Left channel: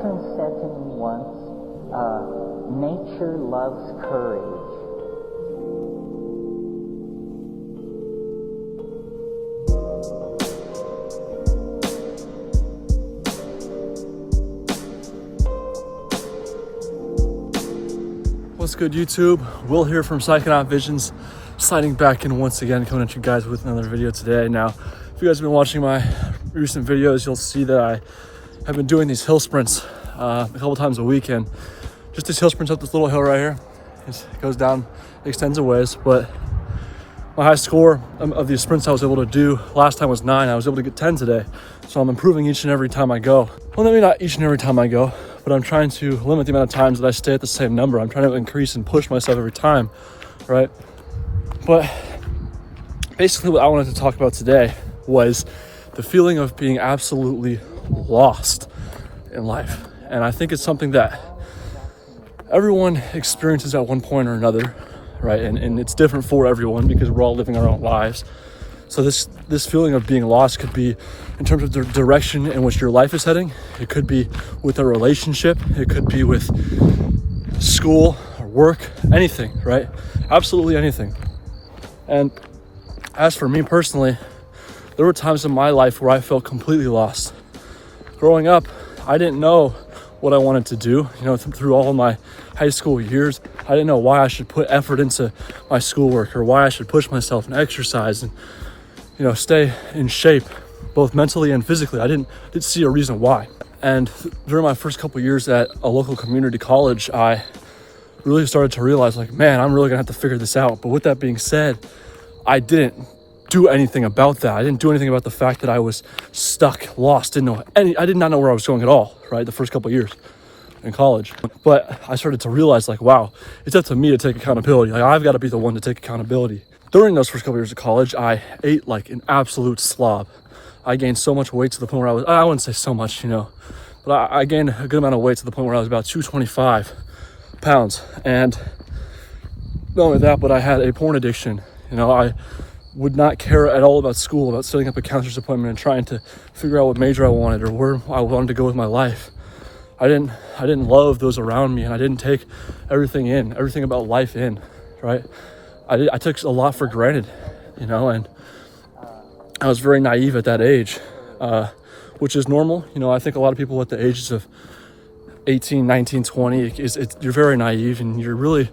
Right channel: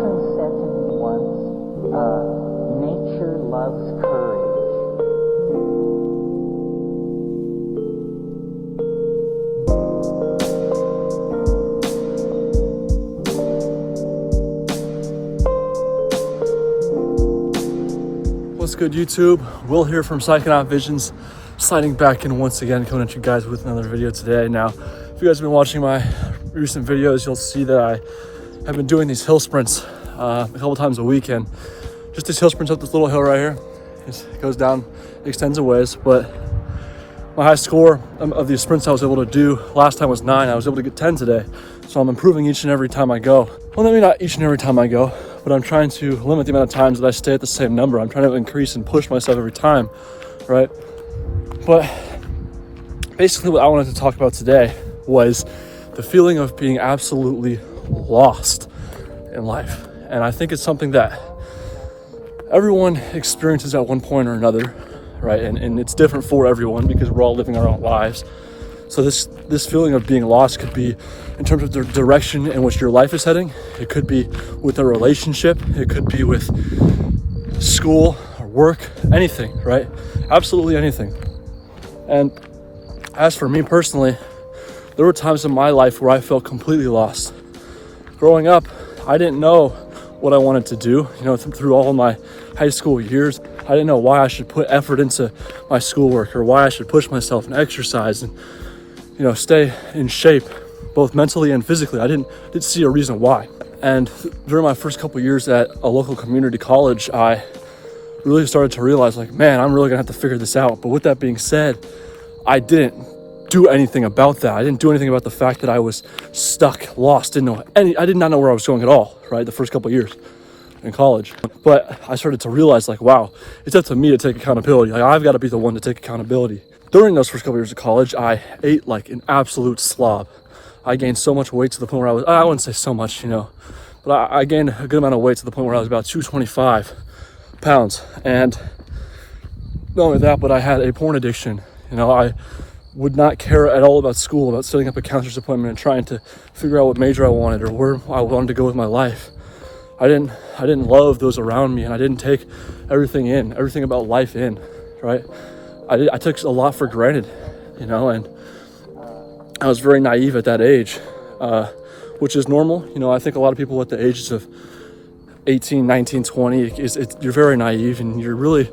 friend said to me once, nature loves courage. What's good, YouTube? Will here from PSYCHONAUT Visions, sliding back in once again, coming at you guys with another video today. Now, if you guys have been watching my recent videos, you'll see that I have been doing these hill sprints a couple times a week, and just these hill sprints up this little hill right here. It goes down, extends a ways, but my high score of these sprints I was able to do last time was 9. I was able to get 10 today, so I'm improving each and every time I go. Well, maybe not each and every time I go, but I'm trying to limit the amount of times that I stay at the same number. I'm trying to increase and push myself every time, right? But basically what I wanted to talk about today was the feeling of being absolutely lost in life. And I think it's something that everyone experiences at one point or another, right? And it's different for everyone because we're all living our own lives. So this feeling of being lost could be in terms of the direction in which your life is heading. It could be with a relationship. It could be with school or work, anything, right? Absolutely anything. And as for me personally, there were times in my life where I felt completely lost. Growing up, I didn't know what I wanted to do. You know, through all of my high school years, I didn't know why I should put effort into my schoolwork or why I should push myself and exercise and, you know, stay in shape, both mentally and physically. I didn't see a reason why. And during my first couple years at a local community college, I really started to realize, like, man, I'm really gonna have to figure this out. But with that being said, I didn't do anything about that. I didn't do anything about the fact that I was stuck, lost, I did not know where I was going at all, right? The first couple of years in college. But I started to realize, like, wow, it's up to me to take accountability. Like, I've got to be the one to take accountability. During those first couple of years of college, I ate like an absolute slob. I gained so much weight to the point where I wouldn't say so much, you know, but I gained a good amount of weight to the point where I was about 225 pounds. And not only that, but I had a porn addiction. You know, I would not care at all about school, about setting up a counselor's appointment and trying to figure out what major I wanted or where I wanted to go with my life. I didn't love those around me, and I didn't take everything about life in, right? I took a lot for granted, you know, and I was very naive at that age, which is normal. You know, I think a lot of people at the ages of 18, 19, 20, you're very naive and you're really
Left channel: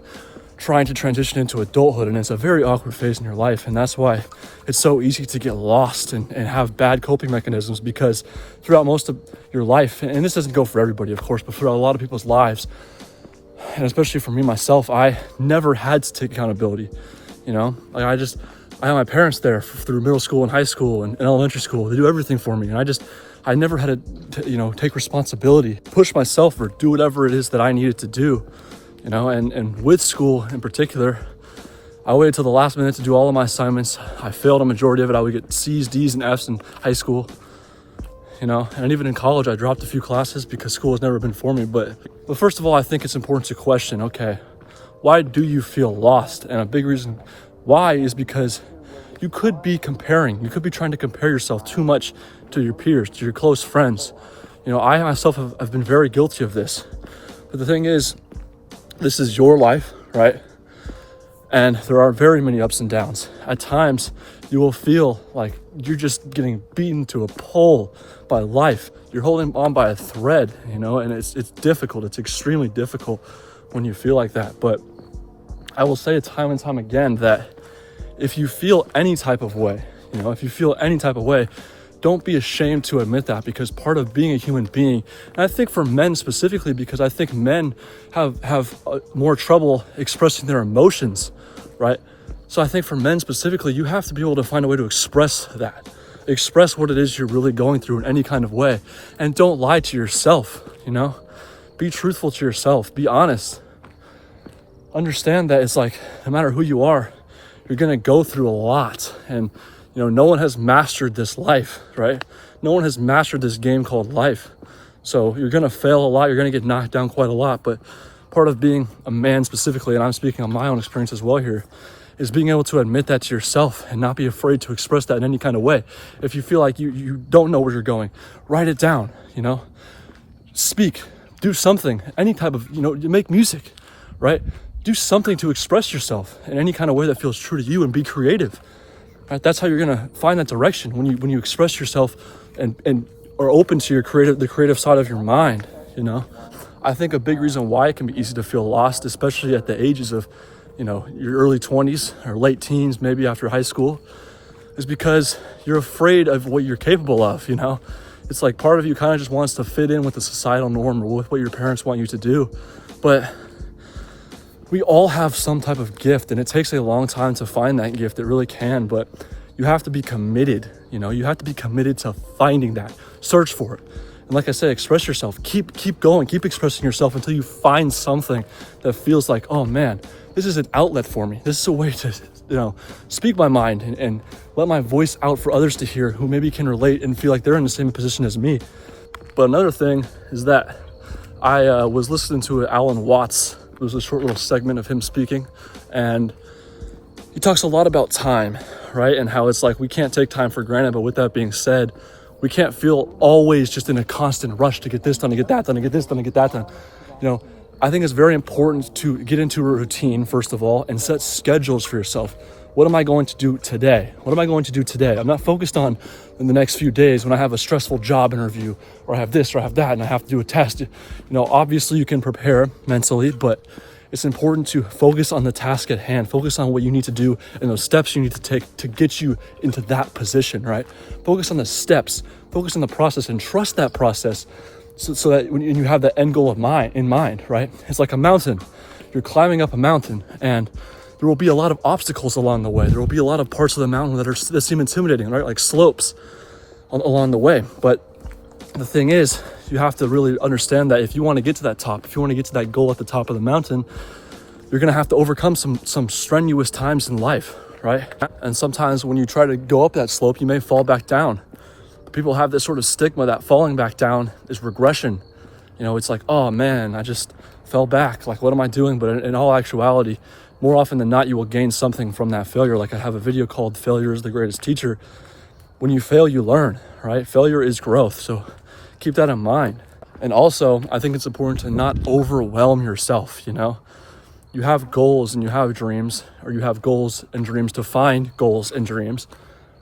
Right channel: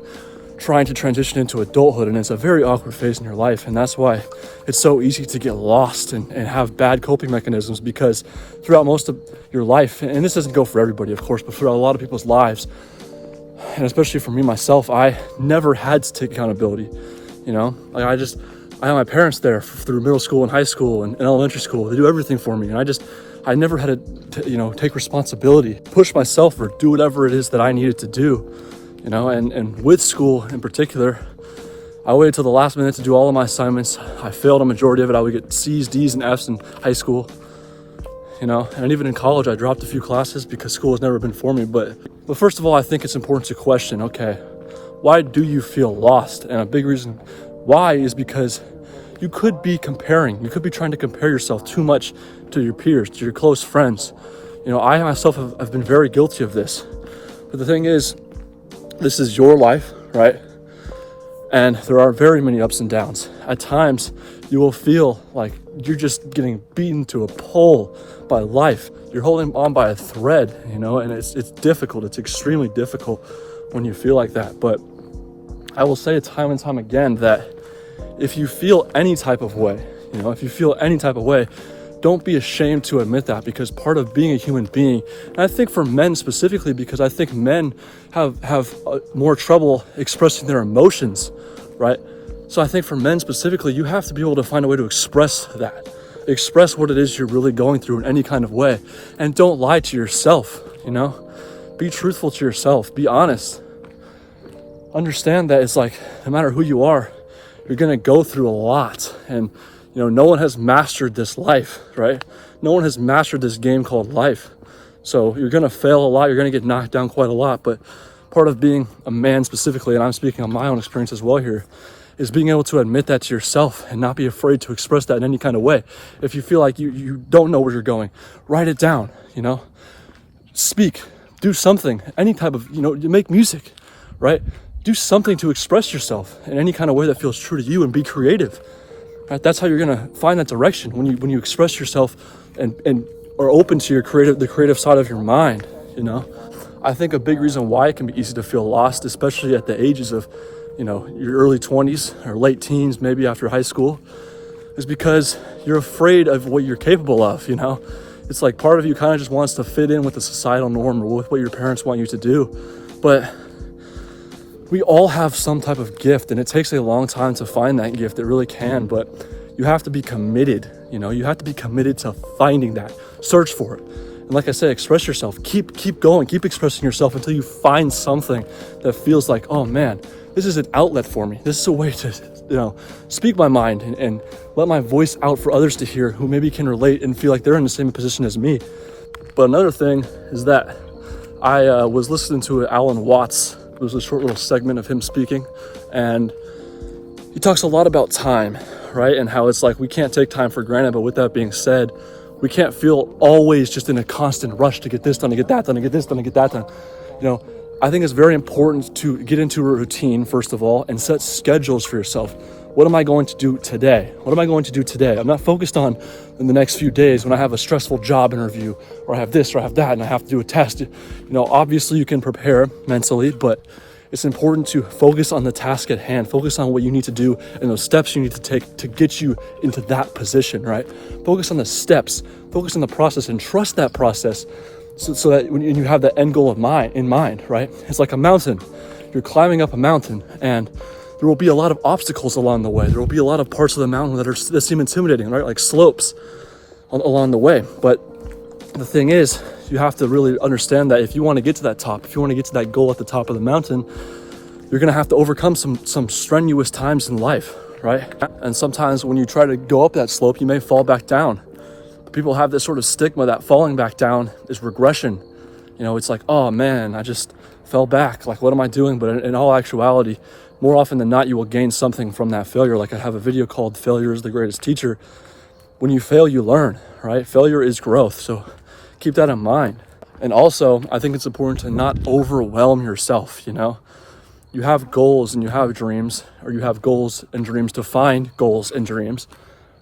trying to transition into adulthood, and it's a very awkward phase in your life. And that's why it's so easy to get lost and have bad coping mechanisms, because throughout most of your life, and this doesn't go for everybody, of course, but throughout a lot of people's lives, and especially for me myself, I never had to take accountability. You know, like I had my parents there through middle school and high school and elementary school. They do everything for me, and I never had to, you know, take responsibility, push myself, or do whatever it is that I needed to do. You know, and with school in particular, I waited till the last minute to do all of my assignments. I failed a majority of it. I would get C's, D's, and F's in high school. You know, and even in college, I dropped a few classes because school has never been for me. But first of all, I think it's important to question, okay, why do you feel lost? And a big reason why is because you could be comparing. You could be trying to compare yourself too much to your peers, to your close friends. You know, I myself have been very guilty of this. But the thing is, this is your life, right? And there are very many ups and downs. At times, you will feel like you're just getting beaten to a pole by life. You're holding on by a thread, you know, and it's difficult. It's extremely difficult when you feel like that. But I will say time and time again that if you feel any type of way, you know, don't be ashamed to admit that, because part of being a human being, and I think for men specifically, because I think men have more trouble expressing their emotions, right? So I think for men specifically, you have to be able to find a way to express that. Express what it is you're really going through in any kind of way. And don't lie to yourself, you know? Be truthful to yourself. Be honest. Understand that it's like, no matter who you are, you're gonna go through a lot. And you know, no one has mastered this life, right? No one has mastered this game called life. So you're going to fail a lot. You're going to get knocked down quite a lot. But part of being a man specifically, and I'm speaking on my own experience as well here, is being able to admit that to yourself and not be afraid to express that in any kind of way. If you feel like you don't know where you're going, write it down, you know? speak, do something, any type of, you make music, right? Do something to express yourself in any kind of way that feels true to you, and be creative, right? That's how you're gonna find that direction, when you express yourself and are open to the creative side of your mind, I think a big reason why it can be easy to feel lost, especially at the ages of, your early 20s or late teens, maybe after high school, is because you're afraid of what you're capable of, It's like part of you kind of just wants to fit in with the societal norm or with what your parents want you to do. But we all have some type of gift, and it takes a long time to find that gift. It really can, but you have to be committed, you have to be committed to finding that. Search for it. And like I said, express yourself. Keep going, keep expressing yourself until you find something that feels like, oh man, this is an outlet for me. This is a way to, speak my mind and let my voice out for others to hear who maybe can relate and feel like they're in the same position as me. But another thing is that I was listening to Alan Watts. It was a short little segment of him speaking, and he talks a lot about time, right? And how it's like we can't take time for granted. But with that being said, we can't feel always just in a constant rush to get this done, to get that done, to get this done, to get that done. I think it's very important to get into a routine, first of all, and set schedules for yourself. What am I going to do today? What am I going to do today? I'm not focused on in the next few days when I have a stressful job interview, or I have this, or I have that, and I have to do a test. Obviously you can prepare mentally, but it's important to focus on the task at hand, focus on what you need to do and those steps you need to take to get you into that position, right? Focus on the steps, focus on the process, and trust that process so that when you have that end goal in mind, right? It's like a mountain. You're climbing up a mountain, and there will be a lot of obstacles along the way. There will be a lot of parts of the mountain that seem intimidating, right? Like slopes along the way. But the thing is, you have to really understand that if you want to get to that top, if you want to get to that goal at the top of the mountain, you're going to have to overcome some strenuous times in life, right? And sometimes when you try to go up that slope, you may fall back down. But people have this sort of stigma that falling back down is regression. It's like, oh man, I just fell back. Like, what am I doing? But in all actuality, more often than not, you will gain something from that failure. Like I have a video called Failure is the Greatest Teacher. When you fail, you learn, right? Failure is growth. So keep that in mind. And also, I think it's important to not overwhelm yourself, You have goals and you have dreams, or you have goals and dreams to find goals and dreams,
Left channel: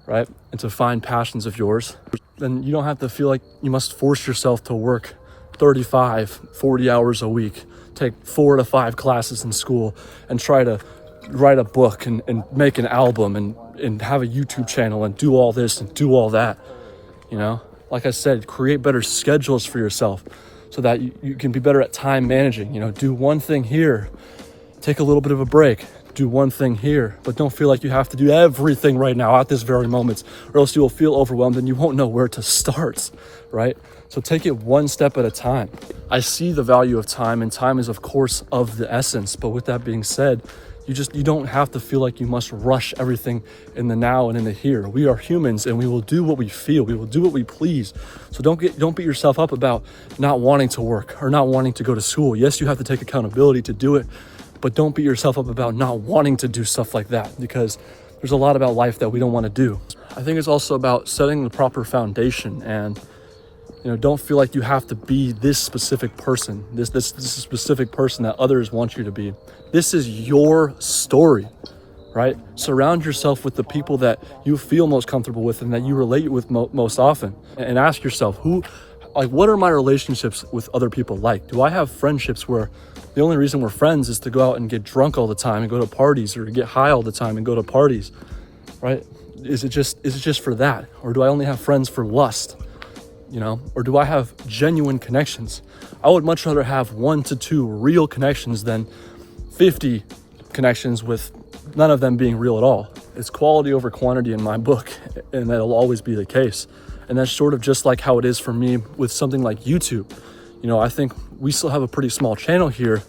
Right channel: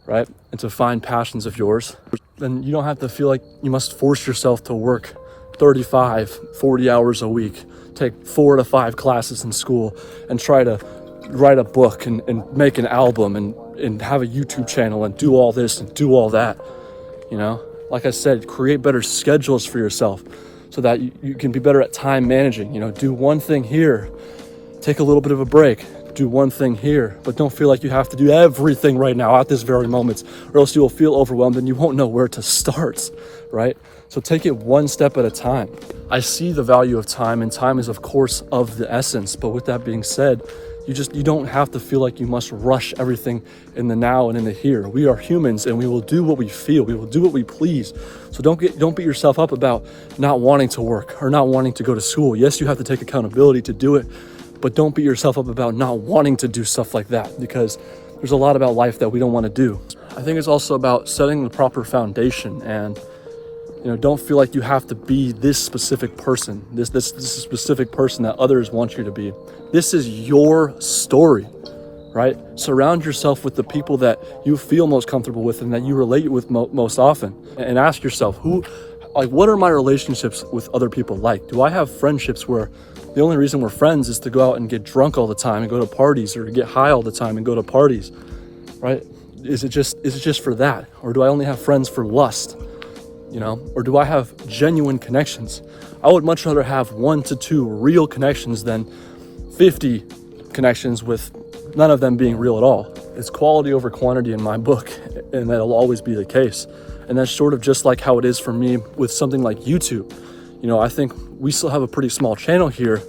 right? And to find passions of yours. Then you don't have to feel like you must force yourself to work 35, 40 hours a week, take 4 to 5 classes in school, and try to write a book and make an album and have a YouTube channel and do all this and do all that, Like I said, create better schedules for yourself so that you can be better at time managing. Do one thing here, take a little bit of a break, do one thing here, but don't feel like you have to do everything right now at this very moment, or else you will feel overwhelmed and you won't know where to start, right? So take it one step at a time. I see the value of time, and time is of course of the essence. But with that being said, you don't have to feel like you must rush everything in the now and in the here. We are humans, and we will do what we feel. We will do what we please. So don't beat yourself up about not wanting to work or not wanting to go to school. Yes, you have to take accountability to do it, but don't beat yourself up about not wanting to do stuff like that, because there's a lot about life that we don't want to do. I think it's also about setting the proper foundation, and don't feel like you have to be this specific person, this specific person that others want you to be. This is your story, right? Surround yourself with the people that you feel most comfortable with and that you relate with most often, and ask yourself, what are my relationships with other people like? Do I have friendships where the only reason we're friends is to go out and get drunk all the time and go to parties, or to get high all the time and go to parties, right? Is it just for that? Or do I only have friends for lust? Or do I have genuine connections? I would much rather have 1 to 2 real connections than 50 connections with none of them being real at all. It's quality over quantity in my book, and that'll always be the case. And that's sort of just like how it is for me with something like YouTube. I think we still have a pretty small channel here,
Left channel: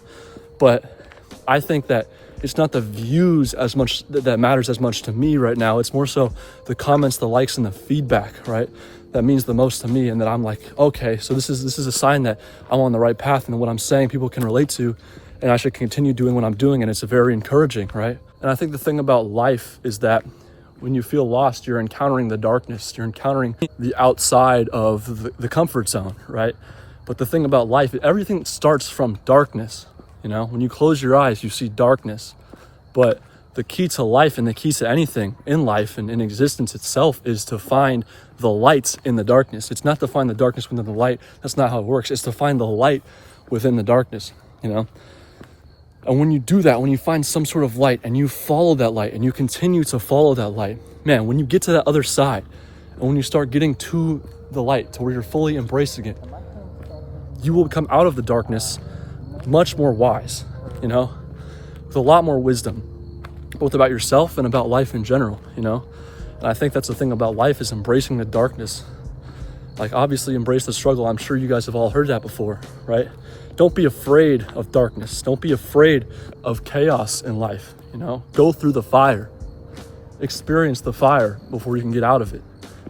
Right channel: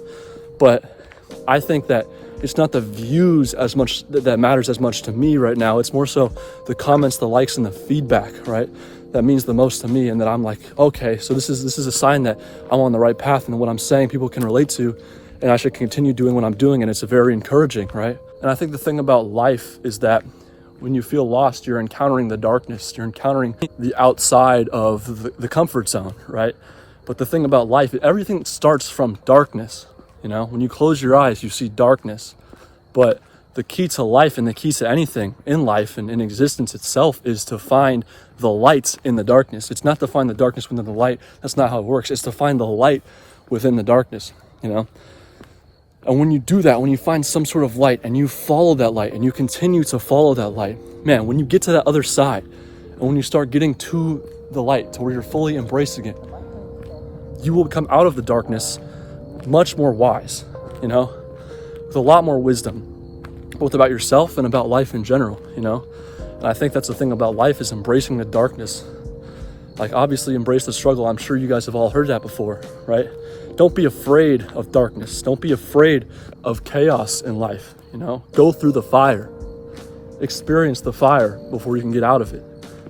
but I think that it's not the views as much that matters as much to me right now. It's more so the comments, the likes, and the feedback, right? That means the most to me, and that I'm like, okay, so this is a sign that I'm on the right path, and what I'm saying people can relate to, and I should continue doing what I'm doing, and it's very encouraging, right? And I think the thing about life is that when you feel lost, you're encountering the darkness, you're encountering the outside of the comfort zone, right? But the thing about life, everything starts from darkness. You know, when you close your eyes, you see darkness. But the key to life and the key to anything in life and in existence itself is to find the lights in the darkness. It's not to find the darkness within the light. That's not how it works. It's to find the light within the darkness, you know? And when you do that, when you find some sort of light and you follow that light and you continue to follow that light, man, when you get to that other side and when you start getting to the light to where you're fully embracing it, you will come out of the darkness much more wise, you know, with a lot more wisdom, both about yourself and about life in general, you know? And I think that's the thing about life, is embracing the darkness. Like, obviously embrace the struggle. I'm sure you guys have all heard that before, right? Don't be afraid of darkness. Don't be afraid of chaos in life, you know? Go through the fire. Experience the fire before you can get out of it.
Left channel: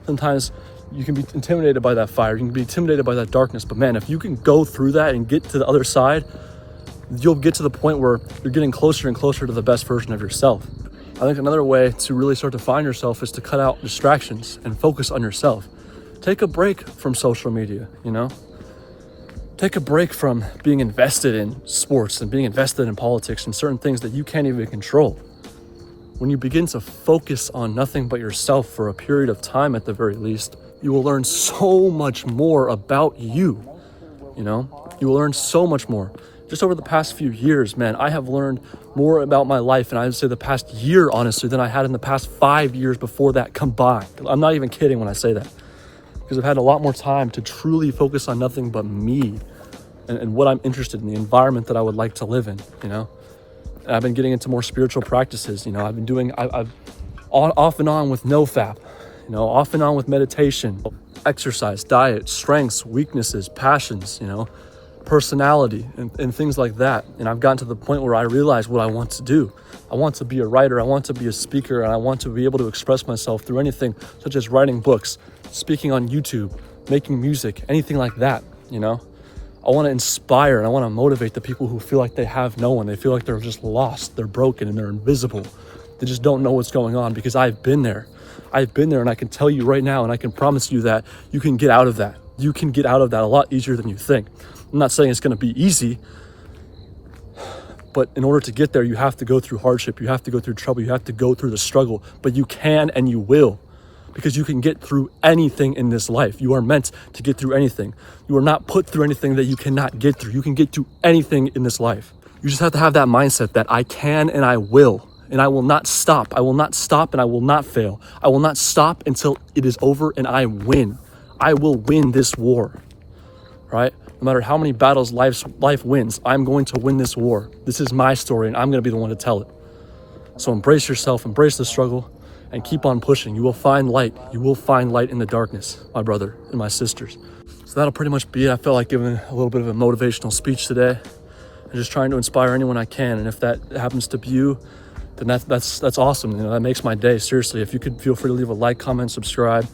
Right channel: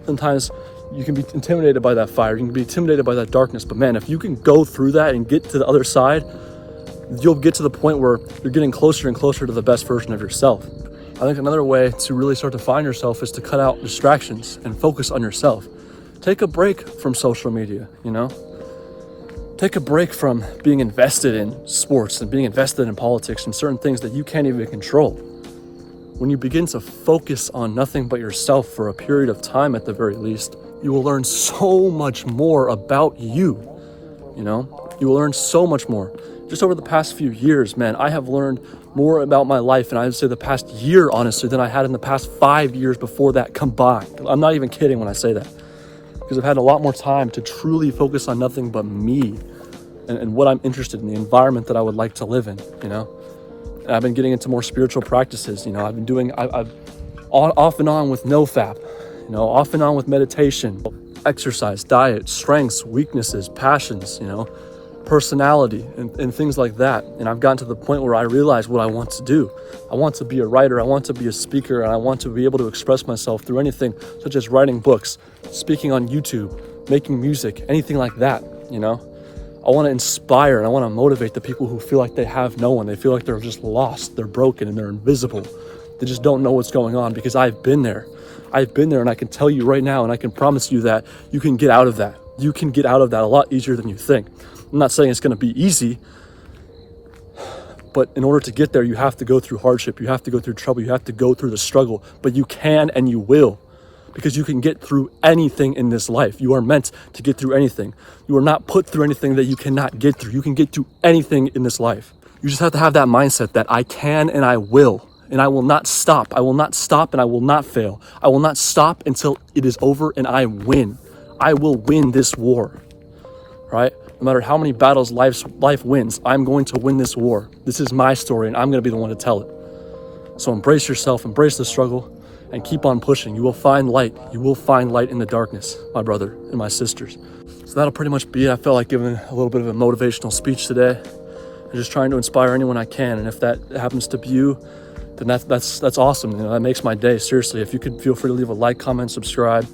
Sometimes you can be intimidated by that fire. You can be intimidated by that darkness. But man, if you can go through that and get to the other side, you'll get to the point where you're getting closer and closer to the best version of yourself. I think another way to really start to find yourself is to cut out distractions and focus on yourself. Take a break from social media, you know? Take a break from being invested in sports and being invested in politics and certain things that you can't even control. When you begin to focus on nothing but yourself for a period of time at the very least, you will learn so much more about you, you know? You will learn so much more. Just over the past few years, man, I have learned more about my life, and I would say the past year, honestly, than I had in the past 5 years before that combined. I'm not even kidding when I say that, because I've had a lot more time to truly focus on nothing but me and what I'm interested in, the environment that I would like to live in, you know? And I've been getting into more spiritual practices, you know? I've been doing, I've off and on with NoFap, you know, off and on with meditation, exercise, diet, strengths, weaknesses, passions, you know, personality and things like that. And I've gotten to the point where I realize what I want to do. I want to be a writer, I want to be a speaker, and I want to be able to express myself through anything such as writing books, speaking on YouTube, making music, anything like that, you know? I want to inspire and I want to motivate the people who feel like they have no one. They feel like they're just lost, they're broken, and they're invisible. They just don't know what's going on, because I've been there. I've been there, and I can tell you right now, and I can promise you that you can get out of that. You can get out of that a lot easier than you think. I'm not saying it's going to be easy, but in order to get there, you have to go through hardship. You have to go through trouble. You have to go through the struggle, but you can and you will, because you can get through anything in this life. You are meant to get through anything. You are not put through anything that you cannot get through. You can get through anything in this life. You just have to have that mindset that I can and I will, and I will not stop. I will not stop and I will not fail. I will not stop until it is over and I win. I will win this war, right? No matter how many battles life wins, I'm going to win this war. This is my story, and I'm going to be the one to tell it. So embrace yourself, embrace the struggle, and keep on pushing. You will find light. You will find light in the darkness, my brother and my sisters. So that'll pretty much be it. I felt like giving a little bit of a motivational speech today and just trying to inspire anyone I can. And if that happens to be you, then that's awesome. You know, that makes my day. Seriously, if you could feel free to leave a like, comment, subscribe.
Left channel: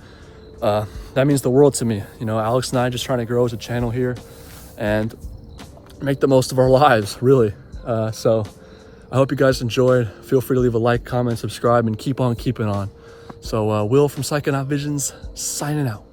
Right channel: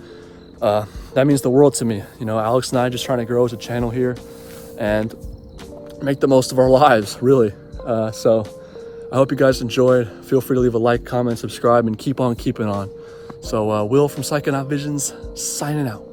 That means the world to me. You know, Alex and I just trying to grow as a channel here and make the most of our lives, really. So I hope you guys enjoyed. Feel free to leave a like, comment, subscribe, and keep on keeping on. So Will from PSYCHONAUT Visions signing out.